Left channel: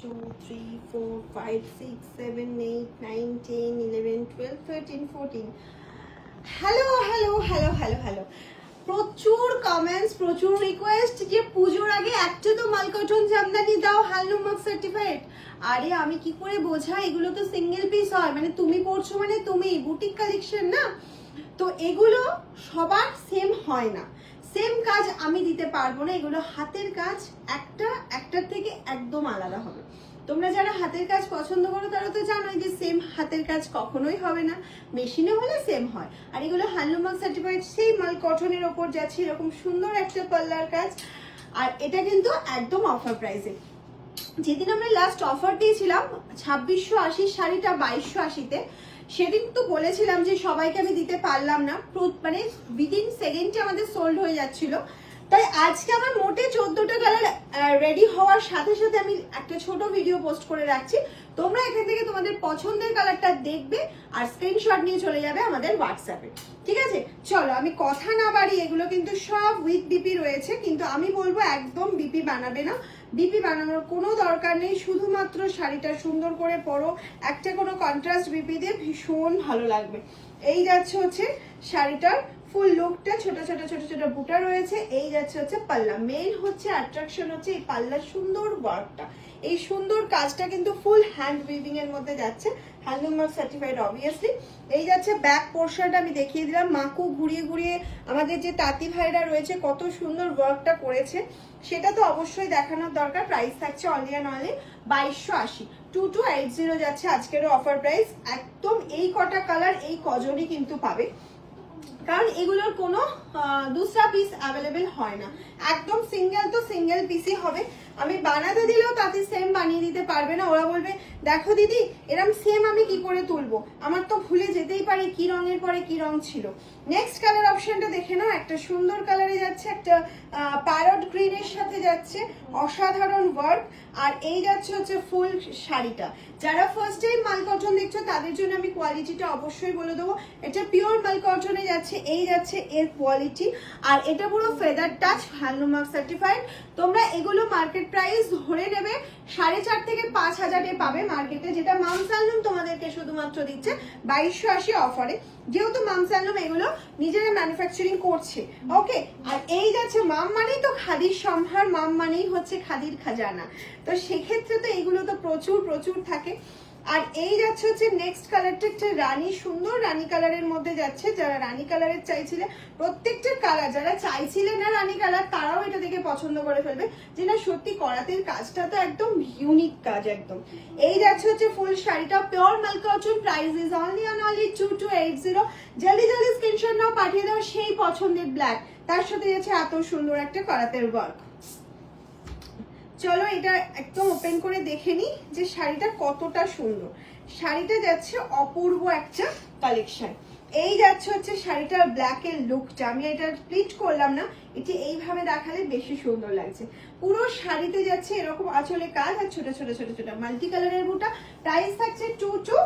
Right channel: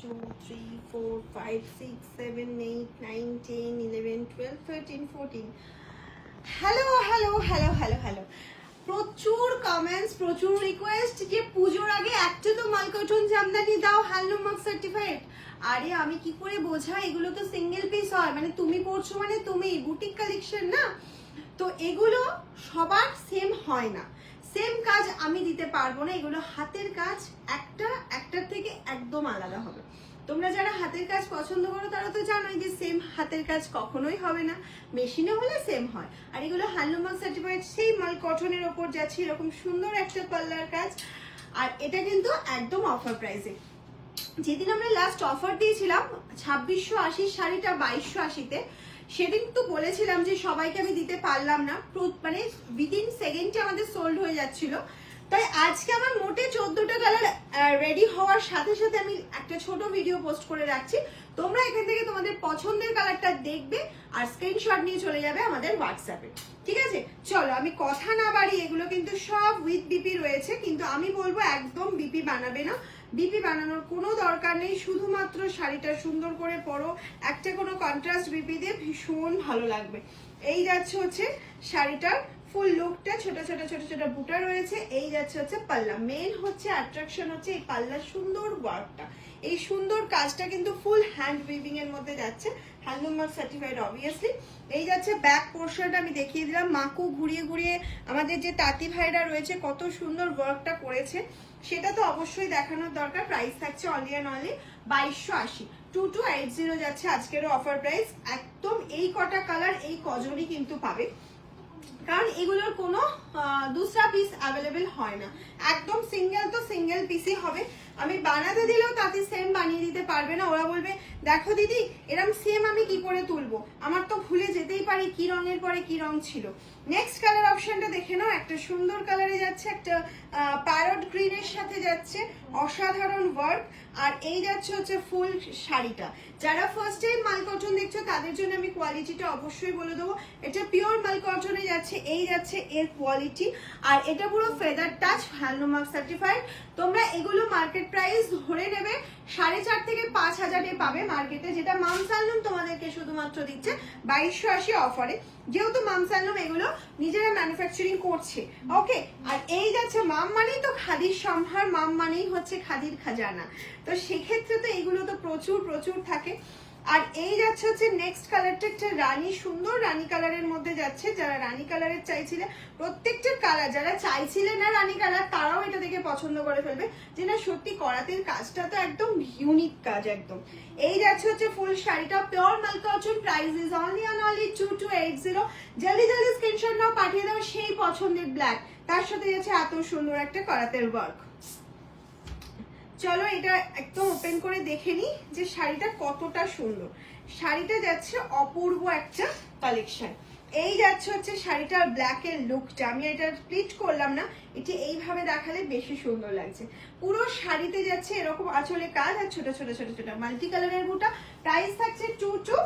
Two three four five six seven eight nine ten eleven twelve thirteen fourteen hello hello hello hello hello প্রচুর comments প্রচুর request যে পুজোর আগে একটা তো মালকটন জামদানি দাও মার্ক সার্টিফাইড আরে, আমি কি করে বোঝা এগুলো তো সিঙ্গেল পিস হয়। মানে তুমি পড়ছো মানে তুমি বুটিক কালেকশন না? তো এগুলো সবার সেম হয় না। সেম কাজ আমি দিতে পারব না, এগুলো হাতের কাজ, একটা, একটার থেকে একদম আলাদা হবে। তোমরা যারা হাতের কাজ পছন্দ করো, তারা তো জানোই যে সেম হাতের কাজ কখনোই হবে না। মেশিনে হলে সেম হয়। আর এগুলো হ্যান্ডলুম সার্টিফাইড সেই মাল কটনের ওপর যাচ্ছে, এরকম সুন্দর একটা পাল্লার কাজ। আর এটা কিন্তু একদম অফার প্রাইসে যেদিন আমরা লাস্ট অফার দিয়েছিলাম, ছাব্বিশশো আশির শাড়িটা বাইশশো আশিতে সেদিন তো বলেছিলাম যে সবাইকে আমি দিতে পারলাম না। মানে উইদিন সেকেন্ডে আমাদের সোল্ড হয়ে যাচ্ছিল। তাই আজকে আমার মোটে চোদ্দটা কালার রেডি হওয়ার সাথে সাথে আমি একটা ছোট ভিডিও পোস্ট করে রাখছি। তোমরা এখান থেকে তোমাদের পছন্দের কালারটা দেখবে আর স্ক্রিনশট নিয়ে চলে যাবে আমাদের হোয়াটসঅ্যাপে ঠিক আছে? চলো, আমি কথা না বাড়ি এগুলো কিন্তু সব উইথ বিপি রয়েছে, কিন্তু আমি বলব একদম বিপি বানাবে না। বিপি বানানোর কোনো দরকার নেই। শুধুমাত্র শাড়িটা সুন্দর করে পরো। একটা কোনো কন্ট্রাস্ট বিপি দিয়ে ভীষণ ভালো লাগবে। এই যাচ্ছে হচ্ছে শাড়িটার ফুল লুকটা ছোট ছোট ছোট ছোট বুটা রয়েছে। এই যাচ্ছে হচ্ছে পাল্লা। মেন হচ্ছে অ্যাট্রাকশন হচ্ছে এই পাল্লার সুন্দর ওয়ার্কটা এই সুন্দর কাজটা কিন্তু ফুল হ্যান্ড উইভিং এর মধ্যে যাচ্ছে। হ্যান্ডলুম মার্ক সার্টিফাইড অবভিয়াসলি এই যাচ্ছে ব্যাক পোর্শনটা আমি দেখিয়ে দিলাম। মাকু ঘুরিয়ে ঘুরিয়ে আমাদের যে তাঁতি ভাইরা রয়েছে, কত সুন্দর ওয়ার্কটা করেছে। সেটা তো অবশ্যই দেখানোর দরকার। প্রাইস থাকছে অনলি অ্যান্ড অনলি বাইশশো আশি। টু টু এইট জিরো যাচ্ছে আজকেরও অফার প্রাইস একদম এই কটা কালার এই কজনই কিন্তু পাবে। কারণ এগুলোর কোনো দুসরা পিস অ্যাভেলেবেল হয় না। একদম সিঙ্গেল তো সিঙ্গেল পিসই হবে। আমি বানাতে দিলেও তাতে সেম বানিয়ে দিতে পারবে না। ওরা বলবে, দেখো দিদি, এরম সেম আমি কি করে তুলবো? আমার তো ভুলে যেতেই পারি কি রঙের পরে কি রং ছিল। নেক্সট কালার অপশনটা দেখে নাও। একটা সুন্দর কালারে যাচ্ছে, একটা প্যারট গ্রিনের সাথে যাচ্ছে। অসাধারণ ওয়ার্ক আর এই যাচ্ছে হচ্ছে ফুল শাড়িটা। যারা ফার্স্ট টাইম মাল কটন দেখছ, তাদের জন্য আমি কোয়ালিটিটা অবশ্যই বলে দেবো। এটা পিওর মাল কটনে যাচ্ছে, এই যাচ্ছে এর কোয়ালিটি আর এটা পুরো ফেদার টাচ হ্যান্ডলুমার্ক সার্টিফাইড তোমরা এগুলো মার্কেট প্রাইস ধরে নেবে সাড়ে চার থেকে পাঁচ হাজারে পাবে মার্কেটে যেটা মামসালুম তোমাদেরকে শুধুমাত্র দিচ্ছে বাইশশো আশি অফারে যেহেতু মামসালুম এগুলো নিজেরা ম্যানুফ্যাকচারিং করছে। ওকে আর এই যাচ্ছে মাম মানেই তো খাদির সম্ভার, মাম মানেই হচ্ছে খাদির খাজানা। তো সেক্ষেত্রে তো এগুলো তো প্রচুর প্রচুর থাকে। আর এই যাচ্ছে হচ্ছে নেক্সট কালারটা একটা রানী, সুন্দর রানী কালারের মধ্যে যাচ্ছে। যারা রানী কালারের চাইছিলে, প্রত্যেকটা কালার যারা চাইছিলে না রানী কালার তারাও এটা দেখে পছন্দ করে ফেলবে যে না, সত্যি করাতের কাজটা তো একদম ইউনিক কাজ একদম। এই যাচ্ছে হচ্ছে ফুল শাড়িটা pure mul cotton price is only on only two two eight zero জলদি জলদি স্ক্রিনশট নাও, পাঠিয়ে দাও সেই পছন্দের ব্ল্যাক তার সাথে যাচ্ছে এত সুন্দর একটা করাতের ওয়ার্ক চলো এটা একদম ওপেন করে দেখে নিই যে শাড়িটা কতটা সুন্দর। শাড়িটা যাচ্ছে অপূর্ব একটা কালেকশন এই যাচ্ছে হচ্ছে শাড়িটার ব্ল্যাক এর লুকটা আমি এটা স্প্লিট করলাম না, এটি এইভাবে দেখালে বেশি সুন্দর লাগছে। পুরো শাড়িতে যাচ্ছে এরকম আঁচলে কাজ আর ছোট ছোট ছোট ছোট মাল্টি কালারের বুটা প্রাইস থাকছে two two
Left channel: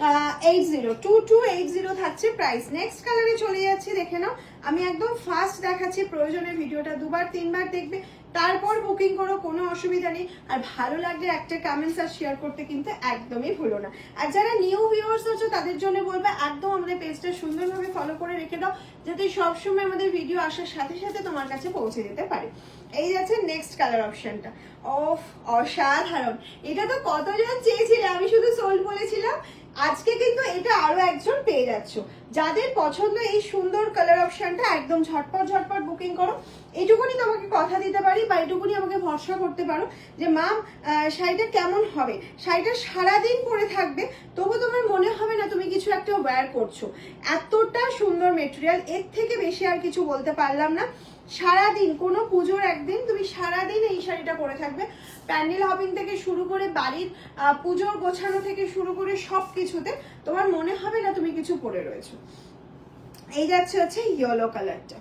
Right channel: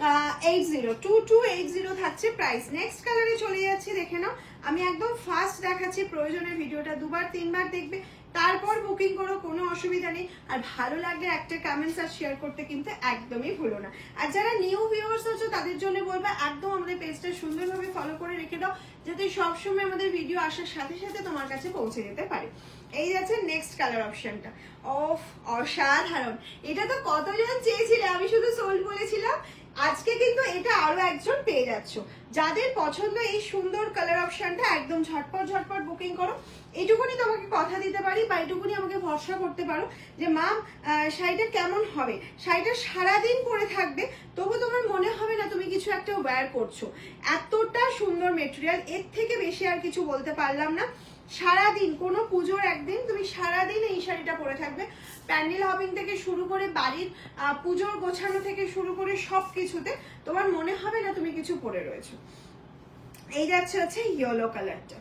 eight zero two two eight zero থাকছে প্রাইস নেক্সট কালারে চলে যাচ্ছি, দেখে নাও। আমি একদম ফার্স্ট দেখাচ্ছি, প্রয়োজনে ভিডিওটা দুবার, তিনবার দেখবে। তারপর বুকিং করো, কোনো অসুবিধা নেই। আর ভালো লাগলে একটা কমেন্টস আর শেয়ার করতে কিন্তু একদমই ভুলো না। আর যারা নিউ ভিউয়ার্স আছো, তাদের জন্য বলব, একদম আমাদের পেজটা সুন্দরভাবে ফলো করে রেখে দাও, যাতে সবসময় আমাদের ভিডিও আসার সাথে সাথে তোমার কাছে পৌঁছে যেতে পারে। এই যাচ্ছে নেক্সট কালার অপশনটা অফ, অসাধারণ। এটা তো কতজন চেয়েছিলে? আমি শুধু সোল্ড বলেছিলাম। আজকে কিন্তু এটা আরও একজন পেয়ে যাচ্ছ। যাদের পছন্দ এই সুন্দর কালার অপশনটা একদম ঝটপট ঝটপট বুকিং করো। এইটুকুনি তোমাকে কথা দিতে পারি বা এইটুকুনি আমাকে ভরসা করতে পারো যে, মাম শাড়িটা কেমন হবে? শাড়িটা সারাদিন পরে থাকবে, তবু তোমার মনে হবে না তুমি কিছু একটা ওয়্যার করছ। এতটা সুন্দর মেটেরিয়াল এর থেকে বেশি আর কিছু বলতে পারলাম না। সারাদিন, কোনো পুজোর একদিন তুমি সারাদিন এই শাড়িটা পরে থাকবে। প্যান্ডেল হপিং থেকে শুরু করে বাড়ির পুজোর গোছানো থেকে শুরু করে সব কিছুতে তোমার মনে হবে না তুমি কিছু পরে রয়েছো। এই যাচ্ছে হচ্ছে ইয়েলো কালারটা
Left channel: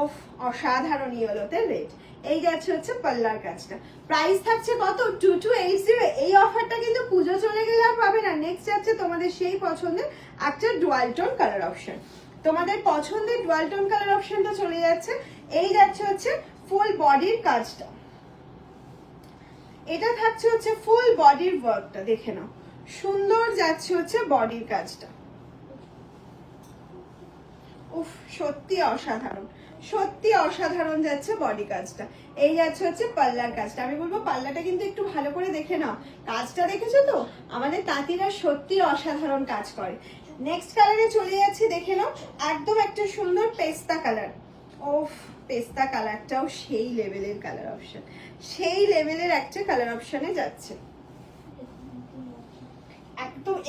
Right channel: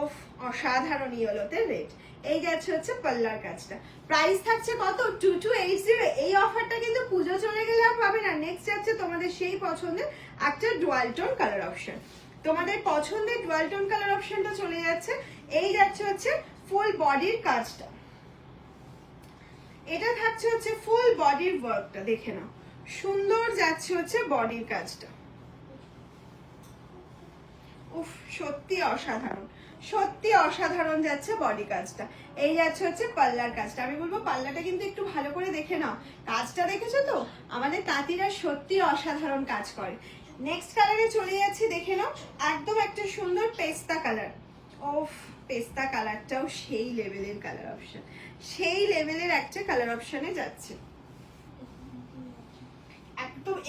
অফ অসাধারণ ইয়েলোতে রেড এই যাচ্ছে হচ্ছে পাল্লার কাজটা। প্রাইস থাকছে কত? টু টু এইট জিরো এই অফারটা কিন্তু পুজো চলে গেলে আর পাবে না। নেক্সট যাচ্ছে তোমাদের সেই পছন্দের একটা ডুয়াল টোন কালার অপশন তোমাদের পছন্দের ডুয়াল টোন কালার অপশনটা চলে যাচ্ছে। এই যাচ্ছে হচ্ছে ফুল বডির কাজটা। এটা থাকছে হচ্ছে ফুল বডির ওয়ার্কটা দেখে নাও। সুন্দর যাচ্ছে হচ্ছে বডির কাজটা। উফ, সত্যি অসাধারণ। সত্যি অসাধারণ যাচ্ছে বডি কাজটা। এই যাচ্ছে হচ্ছে পাল্লার কাজটা। আমি বলব পাল্লাটা কিন্তু একটু ভালো করে দেখে নাও। কাজটা দেখেছ তো? আমাদের তাঁতিরা সত্যি অসাধারণ কাজ করে। নেক্সট কালারে চলে যাচ্ছে, দেখে নাও। একদম একটা সুন্দর পেস্তা কালার ওফ, পেস্তা কালারটাও সেই লেভেলের কালার অপশন সেই লেভেলের একটা কালার অপশনে যাচ্ছে।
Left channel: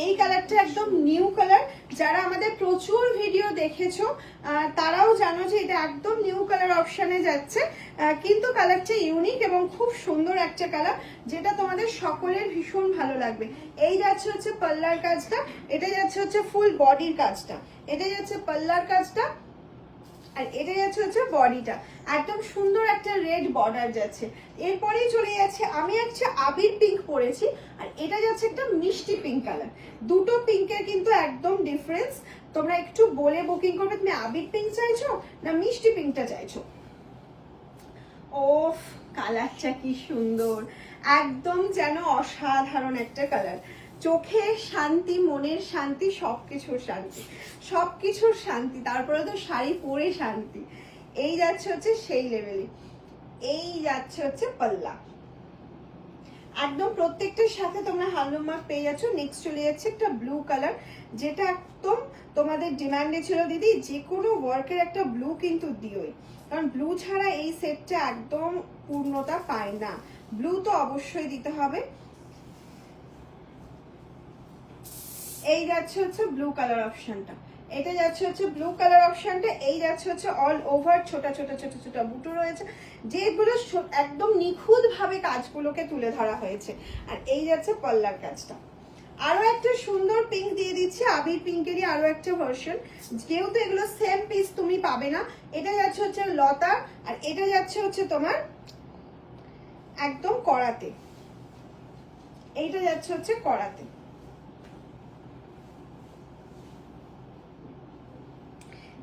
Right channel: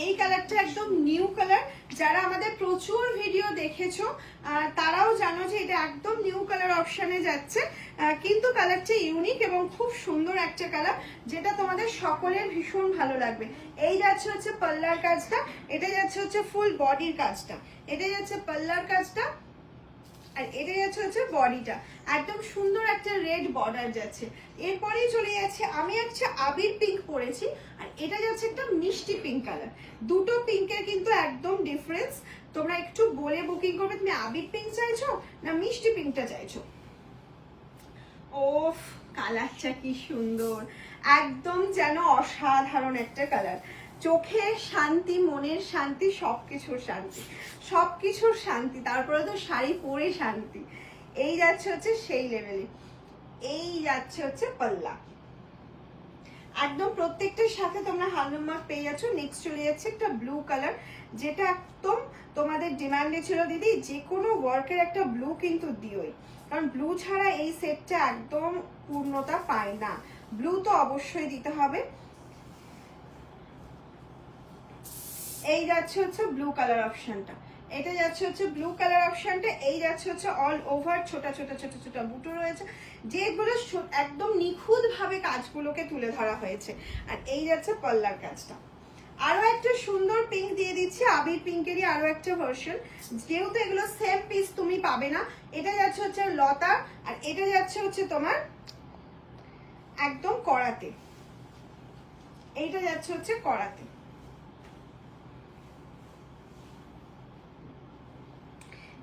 এই কালারটা একদম নিউ কালার যারা আমাদের প্রচুর ভিডিও দেখেছ তারাও জানো যে এটা একদম নিউ কালার অপশানে যাচ্ছে। কিন্তু কালারটা ইউনিক এবং খুব সুন্দর একটা কালার যেটা তোমাদের সকলের ভীষণ ভালো লাগবে। এই যাচ্ছে হচ্ছে পাল্লার কাজটা, এটা যাচ্ছে হচ্ছে ফুল বডির কাজটা। এটা যাচ্ছে পাল্লার কাজটা আর এটা যাচ্ছে হচ্ছে বডিটা। একদম সুন্দর একটা রেড বর্ডার যাচ্ছে। এরপরেই চলে যাচ্ছে, আমি একটা আবির পিঙ্ক পরেছি, আর এটা যাচ্ছে একটা মিষ্টি পিঙ্ক কালার দুটো পিঙ্কের কিন্তু একদম ডিফারেন্স তোমরা একটু বলে বুকিং করবে, তুমি আবির পিঙ্ক চাইছো না মিষ্টি পিঙ্কটা চাইছো? ওফ কালারটা কি সুন্দর। একদম যেন অসাধারণ একটা কালার চোখের শান্তি, মনের শান্তি, সবকিছুর শান্তি। সবকিছুর শান্তি, তারপরে তো শাড়ি পরে শান্তি। এই যাচ্ছে হচ্ছে সেই লেভেলে এই যাচ্ছে হচ্ছে পাল্লা। একদম প্রত্যেকটার সাথে তোমরা হালুম মার্ক পেয়ে যাচ্ছ। নেক্সট চলে যাচ্ছে একটা ব্লু কালার যেটা একদম তোমাদের ডিমান্ডে ছিল, দিদি। যে কোনো ওয়ার্কের একটা ব্লু কিন্তু দিওই। কারণ ব্লু ছাড়া এই সেটটা একদম পূর্ণতা পায় না। ব্লু তো অবশ্যই দিতে হবে। এই যাচ্ছে হচ্ছে ব্লু কালার অপশনটা এটা যাচ্ছে হচ্ছে ব্লু কালার অপশনটা এই যাচ্ছে হচ্ছে অল ওভার ছোট ছোট ছোট ছোট বুটো রয়েছে, যেগুলো একদম নিখুঁত ভাবে কাজগুলোকে তুলে ধরা হয়েছে। আর এই যাচ্ছে পল্লার কাজটা। আরও একটা সুন্দর পিঙ্ক দিয়ে দিচ্ছি, আবির পিঙ্কেরই আরও একটা ভার্সন যেহেতু এগুলো সেম পিস তুমি পাবে না, এটা যাচ্ছে হচ্ছে লতা, আর এটা যাচ্ছে হচ্ছে তোমার একদম কড়াতে। এইটা যাচ্ছে হচ্ছে কড়াতে।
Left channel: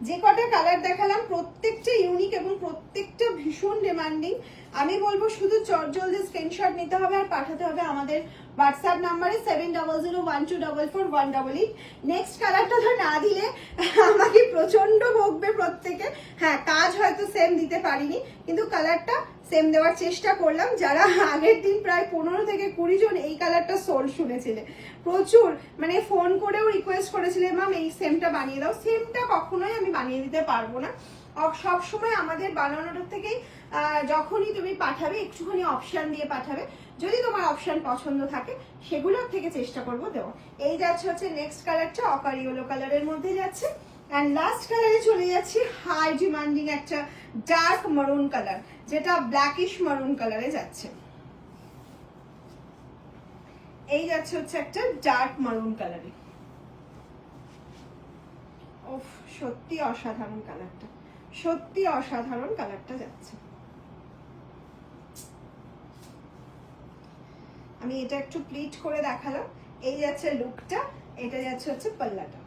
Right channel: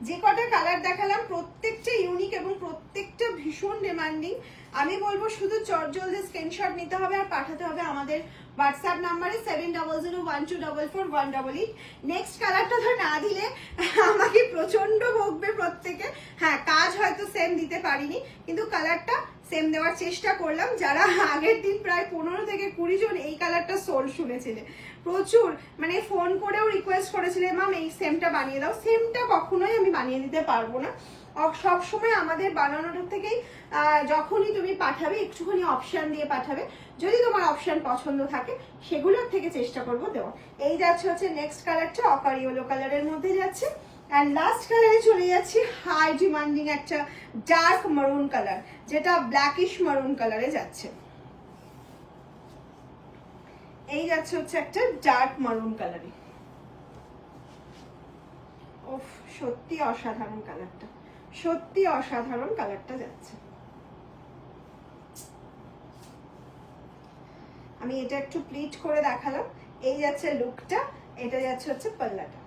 যে কটা কালার দেখালাম প্রত্যেকটা ইউনিক এবং প্রত্যেকটা ভীষণ ডিমান্ডিং আমি বলব শুধু চট জলদি স্ক্রিনশট নিতে হবে আর পাঠাতে হবে আমাদের হোয়াটসঅ্যাপ নাম্বারে seven double zero one two double four one double eight next কালারটা তো না দিলে আমাকে প্রচণ্ড ভোগবে প্রত্যেকে। হ্যাঁ কাজ হয়তো সেম দিতে পারিনি, কিন্তু কালারটা সেম দেওয়ার চেষ্টা করলাম। যারা আগের দিন প্রায় পনেরো থেকে কুড়ি জন এই কালারটা সোল শুনেছিলে। প্রচুর মানে ফোন করেও রিকোয়েস্ট করেছিলে ম্যাম এই সেমটা বানিয়ে দাও। সেমটা কখনোই আমি বানিয়ে দিতে পারব না। সব সময় আমাদের বানানোটার থেকেই যখনই তুমি পাঠাবে, একটুখানি অপশন দিয়ে পাঠাবে। যদি তোমার অপশন পছন্দ থাকে, সেগুলোর থেকে চেষ্টা করব দেওয়ার। এই যাচ্ছে হচ্ছে নেক্সট কালারটা অপার ইয়েলো কালারের মধ্যে যাচ্ছে। অ্যান্ড লাস্ট কালারে চলে যাচ্ছি হাই ডিমান্ডিং একটা ডার্ক মারুন কালার যেটা ব্ল্যাকিশ মারুন কালারে যাচ্ছে। এই যাচ্ছে হচ্ছে একটা ডার্ক মারুন কালারে সত্যি অসাধারণ কালারটা সত্যি অসাধারণ কালারটা যাচ্ছে। আমি এটা একটু প্লিট করে দেখালাম। এই যাচ্ছে লুকটা এটা যাচ্ছে হচ্ছে পাল্লাটা।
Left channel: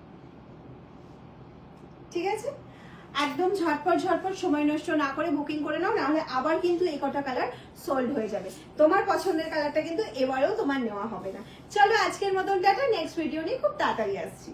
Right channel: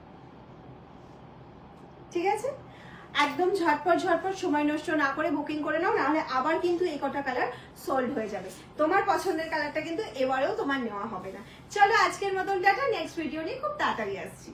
ঠিক আছে? একদম ঝটপট ঝটপট সময় নষ্ট না করে বুকিং করে নাও, নাহলে আবার কিন্তু এই কটা কালার সোল্ড হয়ে যাবে। তোমার পছন্দের কালারটা কিন্তু এবারেও তোমার নেওয়া হবে না। চলো আজকের মতন দেখা নেক্সট ভিডিও নিয়ে খুব তাড়াতাড়ি আসছি।